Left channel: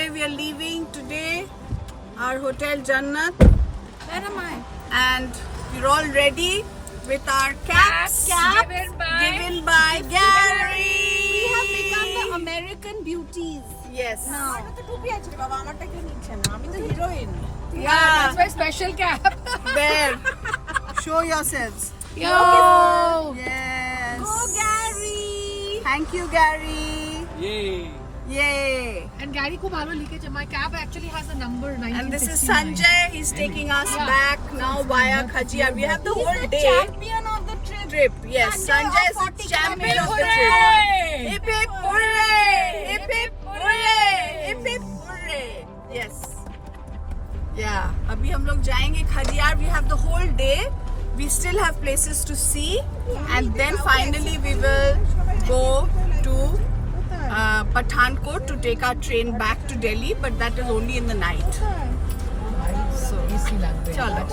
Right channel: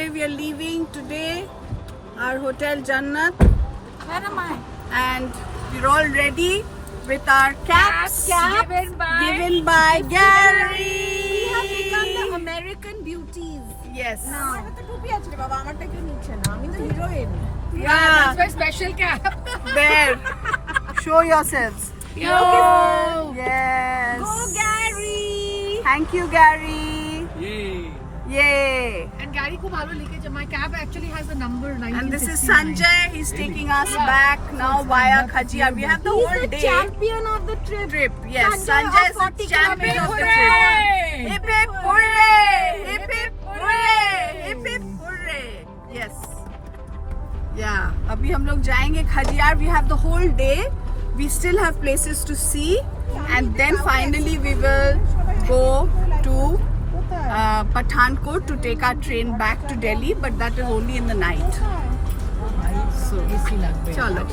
finally we are leaving today our hotel Jannat. Where am I? And we're all ready with our caps Given by Gary. We have become the American beauties. Yes. Now. Yeah. That's my special cap. There. Show yourselves. Yo. Yes. Go Gary. Thank you, Gary. Yay. And Gary ko मालूम leakage. My cap actually has a number 1969. And this is Sanjay. He's taking us back now via Khajiyar. We have the whole day. Champion of the trip. Yes, Sanjay is the champion of the trip. Hip hip hooray! Hip hip hooray! Hip hip hooray! Yes. Yeah. अभी हम लोग जाएंगे Khajjiar. We have the whole day. We still have places to see, and then finally we will go to Pathankot to take our train back to Delhi, but that is only in the night. So, chalo.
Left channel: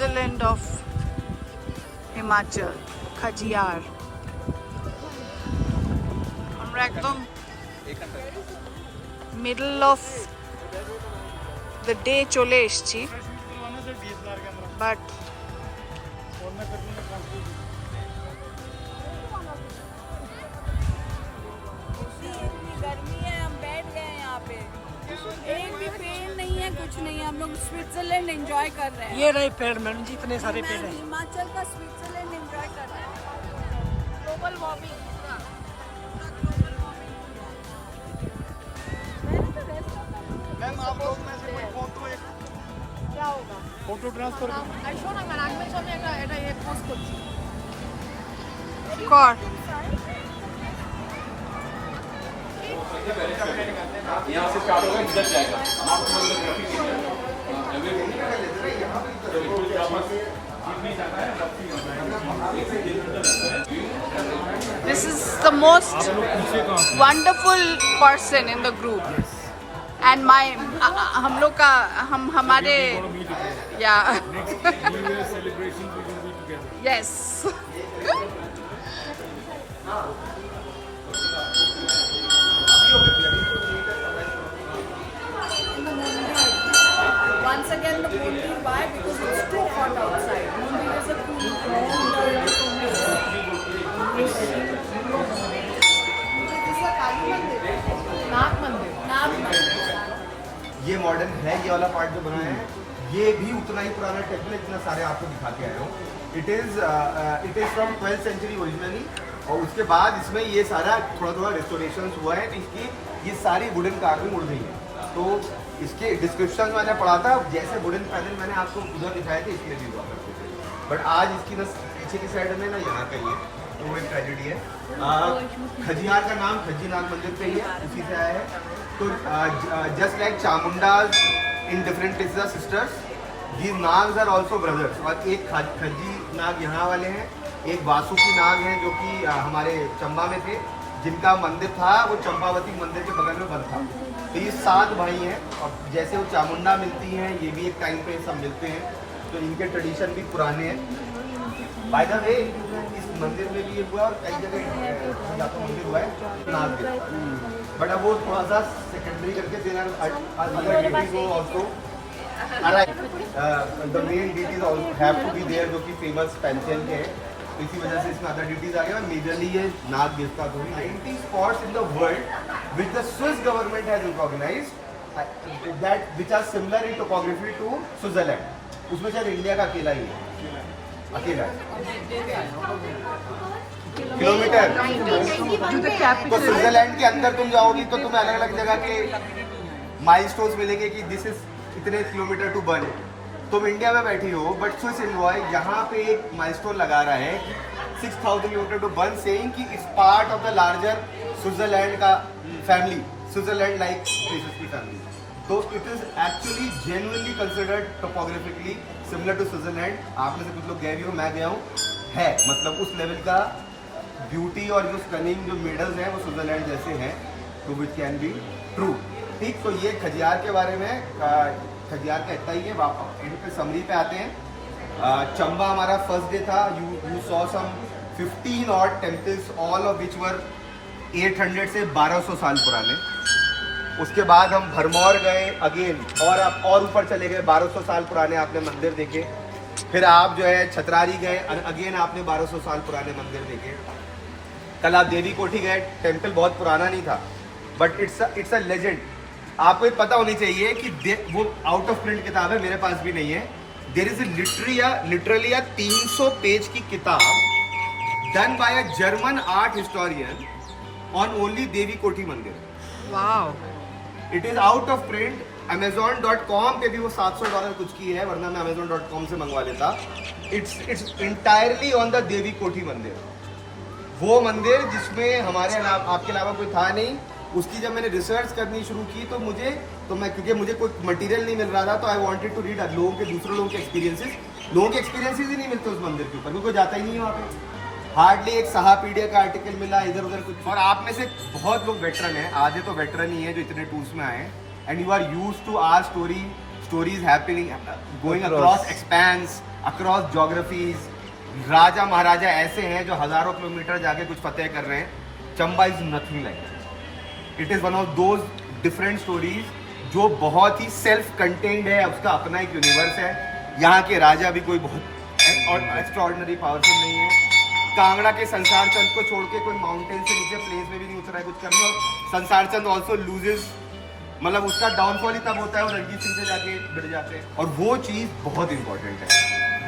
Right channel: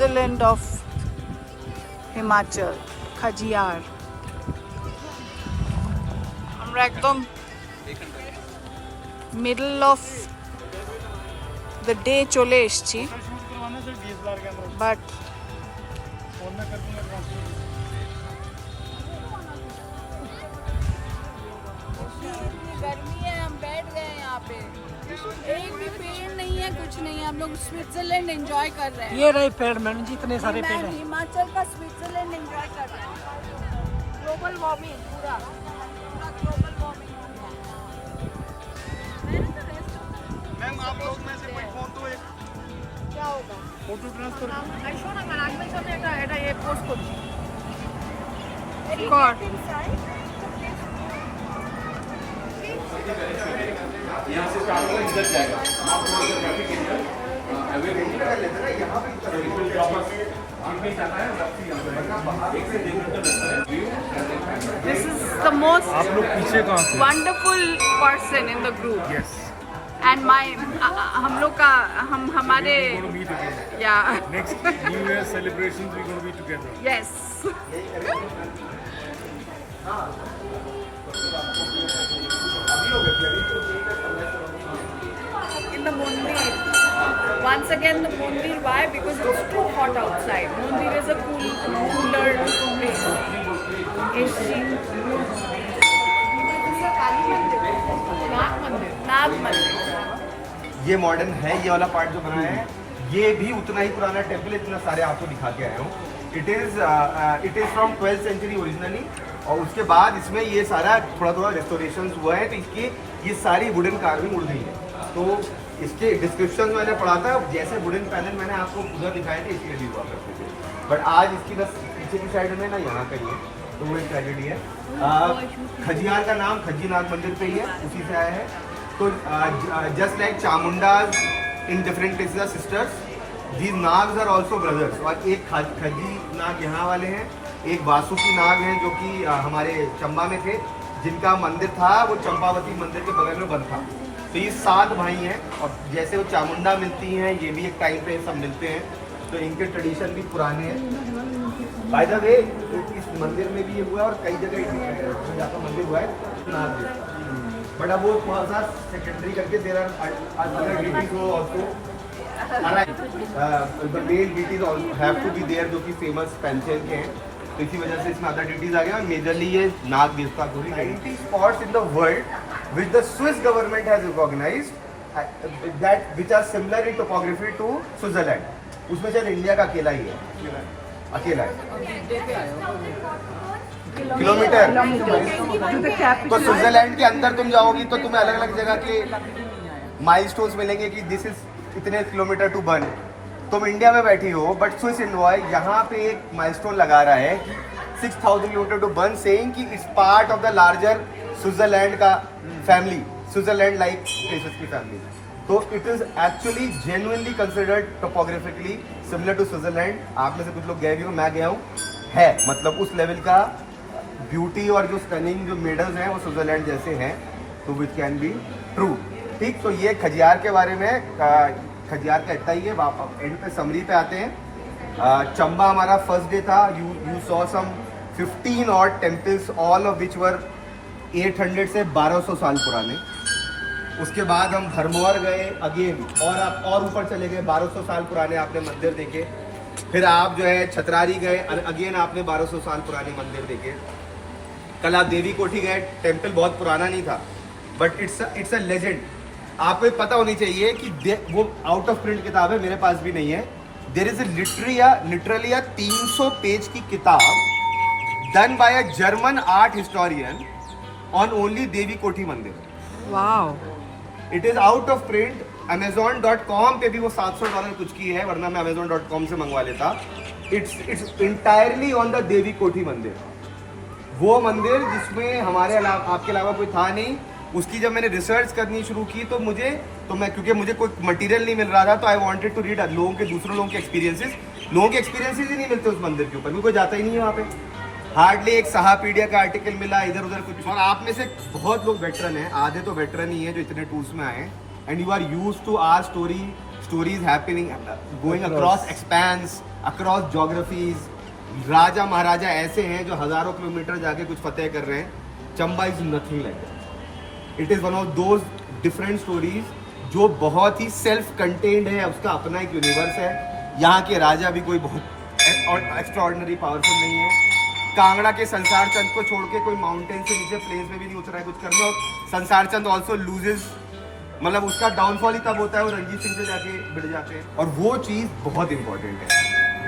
Switzerland of Himachal, Khajiyar. আমরা একদম middle of the day চলে এসেছি, but गर्मी है, हम बैठ गए यहाँ पे, एक भी पेड़ नहीं है, कुछ नहीं है, हम लोग स्विट्जरलैंड एंजॉय कर रहे हैं। ये रहे पेड़ मैडम जी, इतने सारे पेड़ हैं। हिमाचल का स्विट्जरलैंड एंजॉय कर रहे हैं। ग्लोबल वार्मिंग पूरा ग्लोबल वार्मिंग हो गया। मैम आप लोग में से कोई फोटो क्या होगा? फोटो ट्रांसफर আইসো না কেন আসবে সামনে এটা ये পোস্ট করছি कौन? This is the most wonderful person in the group. Yes. And my हम लोग का हमारे yeah. Next New Year celebrations we're going to be together. Yes. In the Mundir. Once again the Mundir. Why? Because it's too hot outside. Mundir is a cooler place. This is a Kali Mandir. नाग मंदिर. ये modern है, ये वाला part जो बना है ये भी उतना ही पुराना टेम्पल है जितना सारे आपको दिखा के आया हूँ. It is from 12th century originally, और उसके बाद इसमें ये सारा थोड़ा रेस्टोरेशन हुआ है, तो इसकी ये सारी वुडन कार्विंग उड़ गई है. तो इसके डिस्क्रिप्शन मैंने पढ़ा था, जैसे वुडन पैनल मैंने आपको उधर दिखाए थे इसलिए भी हुआ करते थे, बट आज इसकी बस पीछे की साइड में ना यहाँ पे ही है, तो वो एक ट्रेजेडी है. खजियार का नाम खज्जी नाग मंदिर पे ही है, उसी से आया है. तो just like Chamundas in different places are sisters, these Nags are also brothers. और एक खज्जी नाग यहाँ वाले हैं, एक वासुकी नाग हैं जो कि हमारे चंबा में थे, जिनका मंदिर था वो चंपावती मंदिर के बगल में बंद था. तो ये 7 भाई हैं, और जैसे वो चामुंडा मिलती हैं ये भी एक टाइम पे सब मिलते हैं, तो इनके ट्रेडिशन भी पुराने हैं. बाय द वे इस मंदिर में भी ये हुआ और कई जगह जहाँ का मंदिर हुआ है नाग देवता, बट अब वो थोड़ा सा सेकेंडरी करके there are other deities also. The main deities have to be there, जो कि फेमस पेंसिल के हैं, तो इसी वजह से इसमें अदर डिटीज आ गया. और मेजरली ये नाग देवता को भी 90 spots in the world which the Swiss government has recognized that which are similar in topography to Switzerland. उसमें शायद इंडिया का अकेला ही है, अकेला है. किलोमीटर। to the capital. तो स्विट्जरलैंड के अंदर तुम जाओगी तो तुम्हें अलग अलग जगह के माइलस्टोन्स मिलेंगे कि दिस इज इतने किलोमीटर टू बर्न। तुम इंडिया में बैठी हो बट स्विस इनवॉय यहाँ पे एक माइलस्टोन लगा रहा है कि 6000 किलोमीटर टू बर्न, सेइंग कि it's part of the larger Switzerland का फैमिली, स्विट्जरलैंड लाइक प्लेसेस की फैमिली। तो it is actually genuinely considered topographically similar to Switzerland. आप में से कुछ लोग गए भी हो, मैं गया हूँ, है मतलब उस लेवल का ब्यूटी और जो स्टनिंग जो मेडल्स हैं वो स्विट्जरलैंड जैसे हैं, तो विच कैन बी ट्रू। ठीक, तो ये खजियार के बारे में, खजियार का इतना ही है। एंड पे समरी पे आते हैं। चंबा हमारा फर्स्ट डे था। You saw some 15 odd temples, all of which were 800 से 1200 साल पुराने। उसके बाद हम भरमौर गए अगेन, और आप और ऊपर चले गए, 1200 साल पुराने आपने मंदिर देखे। फिर आप जो है छतरारी गए, अगेन आपने 1200 साल पुराने मंदिर देखे। कल आप देवी कोठी गए, टेम्पल बहुत पुराना नहीं था बट इट्स अ लेजेंड। आपको ये पता होनी चाहिए कि वो आउट ऑफ प्रिंट किताब है, मेरे पास भी नहीं है। देयर इज लिटरली 300 पेज की किताब done by a German art historian on only Devi Kothi मंदिर। Wow. It is out of print. Amazon.com पे भी वो $700 कुछ की है, वरना मैं Amazon.com से मंगवा लेता। इट्स इंटायरली ऑन द देवी कोठी मंदिर, वो मंदिर जिसमें हमारे अलावा, आपके अलावा कोई था नहीं। उसकी जब मैंने रिसर्च करनी शुरू की तो क्योंकि मुझे कोई मटेरियल नहीं मिल रहा था, तो आई वांटेड टू रीड दूसरे लोगों के एक्सपीरियंसेस। लोगों के एक्सपीरियंसेस ही नहीं मिलते उस मंदिर के ऊपर, कोई जाता ही नहीं है वहाँ पे। हार्डली एक सहापीडिया का आर्टिकल मिला, इधर उधर कुछ। और आप में से बहुत लोग वेटरन हैं, आधे तो वेटरन ही है जो इतने टूर्स में आए, and you are used to our stories happening going across expanse, across geographies. Raja maharaja ऐसे हैं जो हजारों किलोमीटर जाके कुछ फतेह कर रहे हैं। Chamba is nothing like that. It is one of those different stories जो बहुत ही सेल्फ कंटेन्ड है, उसका अपना एक यूनिवर्स है। यहाँ के राजा भी कोई बहुत एक्स्ट्राऑर्डिनरी पावरफुल नहीं हो। कांगड़ा के संसार चंद को छोड़ के कोई माउंटेन से नीचे प्लेन्स में भी नहीं उतरा है कुछ करने। और संसार चंद ऑल्सो लूजेज, मतलब उसका डाउनफॉल ही तब होता है वो रंजीत सिंह से जाके भिड़ जाते हैं। और वो चीज़ बहुत इंपॉर्टेंट है।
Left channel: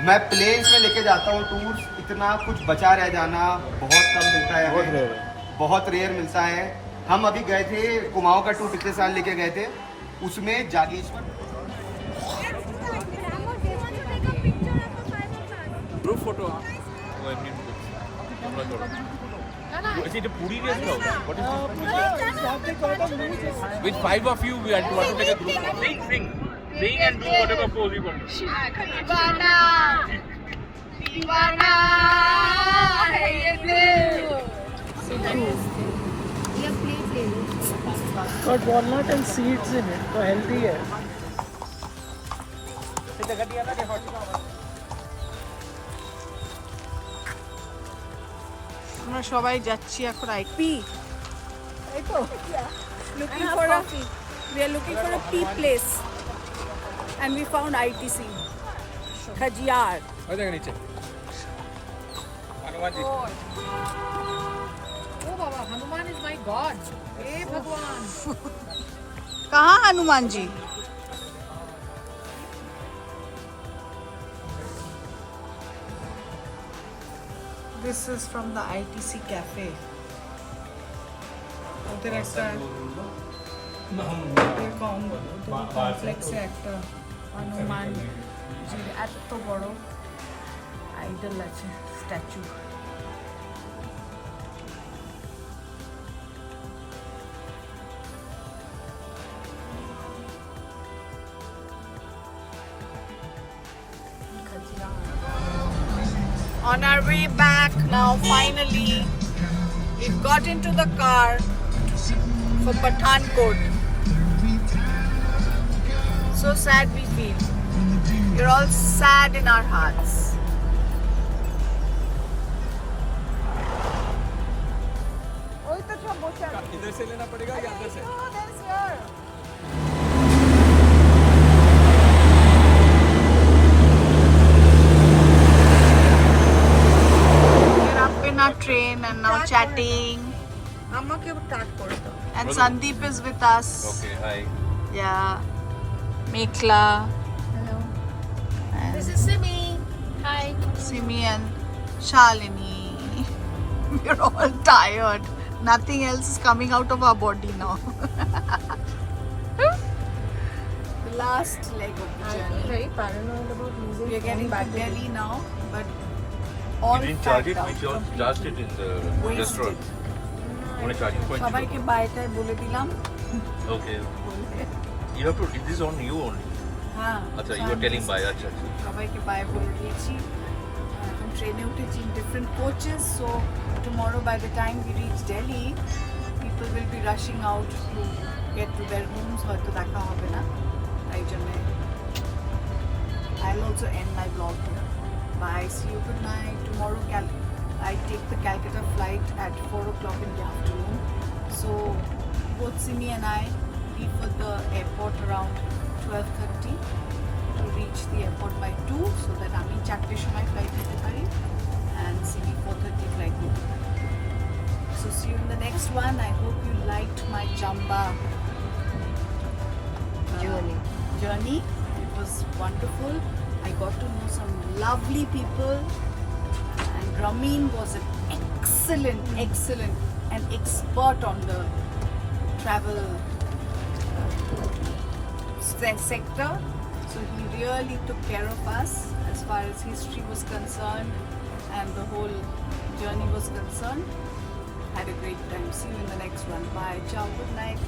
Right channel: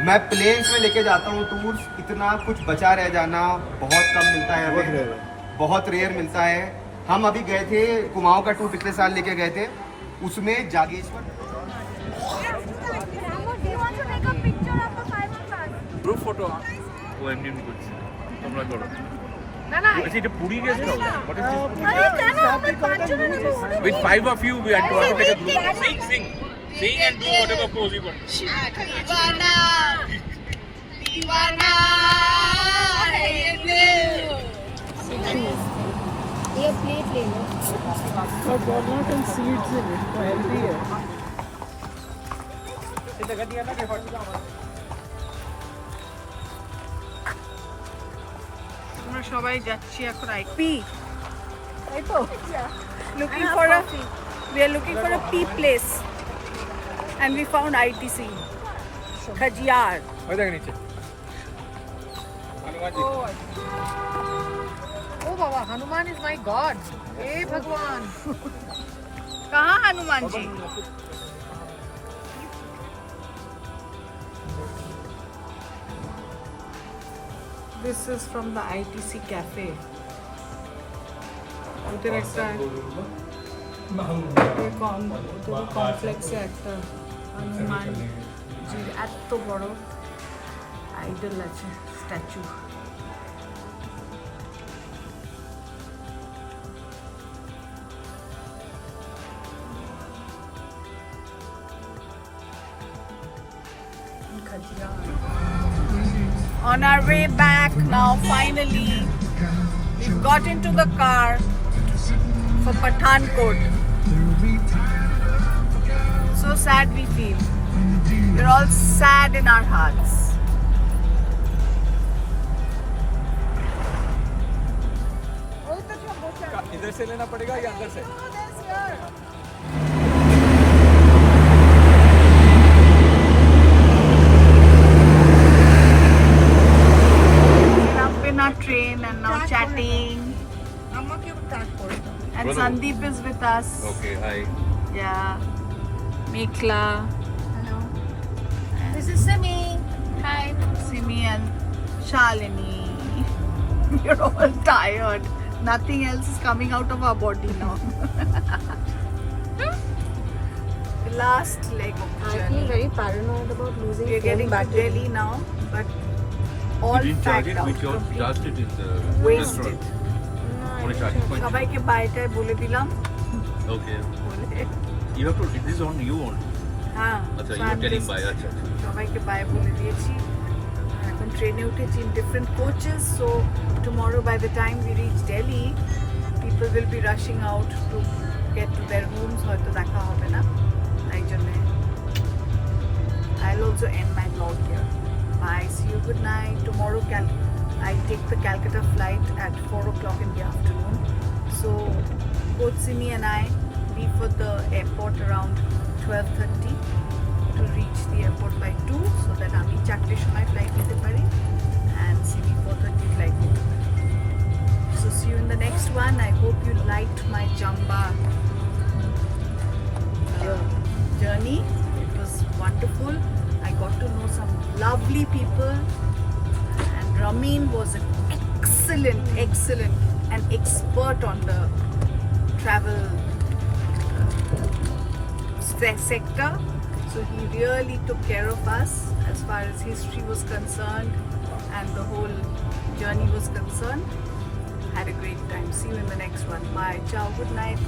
मैं प्लेन्स में लेके जाता हूँ टूर्स, इतना कुछ बचा रह जाना बहुत कम मिलता है हमें, बहुत रेयर मिलता है। हम अभी गए थे कुमाऊं का टूर, पिछले साल लेके गए थे, उसमें जागेश्वर ग्रुप फोटो वो एमनी में कुछ তোমরা করো is it a puri based house what is this with 5 of you we had to take a group sing and do whatever pose you want दीवाना दीवाना है ये दिल। ये प्ले लो। और walnut and seeds in it, तो healthy है। আমরা সবাই যাচ্ছি এখন আইপি, তাই তো? Looking for we are looking for a pea place and we found ITC Khajjiar. ওই দেখো নিচে ओ बाबा, हनुमान इज माय गॉड। हे भगवान। कहाँ Hanuman ji? This is from the ITC cafe. ওদের একটা কমপ্লেক্স একটা হনুমান জির এত বড় আইডল আছে, statue. On our way back now, finally, we've got into the car for Pathankot. So sad we feel. We're all sad in our hearts. इधर से लेना पड़ेगा या अंदर से Our train and now chatting, and Sandeep is with us. okay hi Yeah, Mekhla, hello, This is Simi. Hi. Simi and Shalini. We're all tired. Nothing else is coming out of our body now. The last leg of the I'm journey. very paranoid about losing. We're getting to Delhi now, but all You didn't charge packed it out. with your completely charged it in the wasted. restaurant. On a charging point. সবাইকে বাইটায় বলে দিলাম Okay. বলে You have to. This is on you only. হ্যাঁ আচ্ছা, so you are I'm getting just- by. আচ্ছা, আচ্ছা. সবাইকে by বলে দিয়েছি এখন ট্রেনে উঠেছি in different coaches, so tomorrow by the time we reach Delhi people will be rushing out to get to their rooms, হয়তো দেখা হবে না তাই জন্য I'll also end my vlog here. Bye, see you, good night. Tomorrow I take the Calcutta flight at 4 o'clock in the afternoon, so both Simi and I leave for the airport around 12:30 to reach the airport by 2, so that আমি 4 সময় flight নিতে পারি and Simi 4:30 flight নিতে পারি. So see you in the next one. I hope you liked my Jamba journey. It was wonderful. I got to know some lovely people, and Ramin was an excellent and expert on the travel sector. So he really took care of us as far as history was concerned and the whole journey was concerned. Had a great time. See you in the next one. Bye. Ciao. Good night.